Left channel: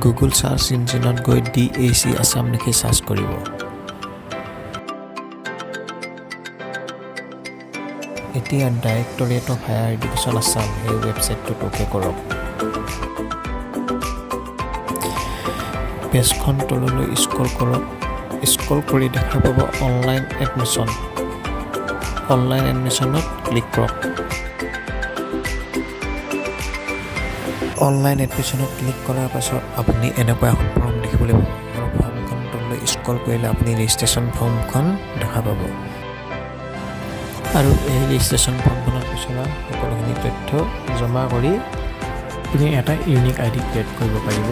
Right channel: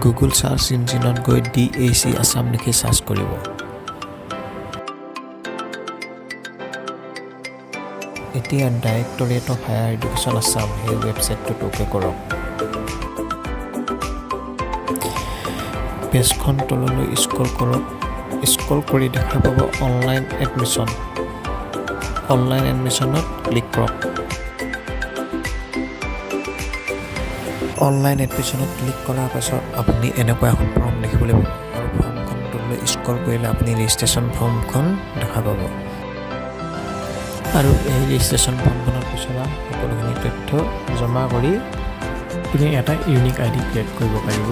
Google search ইঞ্জিনত গৈ DHE Assam লিখি search কৰিব এতিয়া directorate of higher education Assam এই ৱেবছাইটটোত ওকে কৰক পেজখন তললৈ স্ক্ৰল কৰক স্ক্ৰল কৰি দেখা পাব অনলাইন এডমিশ্যনত ক্লিক কৰক অনলাইন এডমিশ্যনত ক্লিক কৰাৰ পাছত আপুনি এনেকুৱা এখন ফৰ্ম দেখিবলৈ পাব আৰু ফৰ্মখন তললৈ স্ক্ৰল কৰিলে আপুনি ৰেজিষ্ট্ৰেশ্যন ফৰ্মখন দেখা পাব আৰু এই ৰেজিষ্ট্ৰেশ্যন ফৰ্মখনত বিচৰা সকলোখিনি তথ্য জমা কৰি আপুনি এটা ইউনিক আইডি ক্ৰিয়েট কৰিব পাৰিব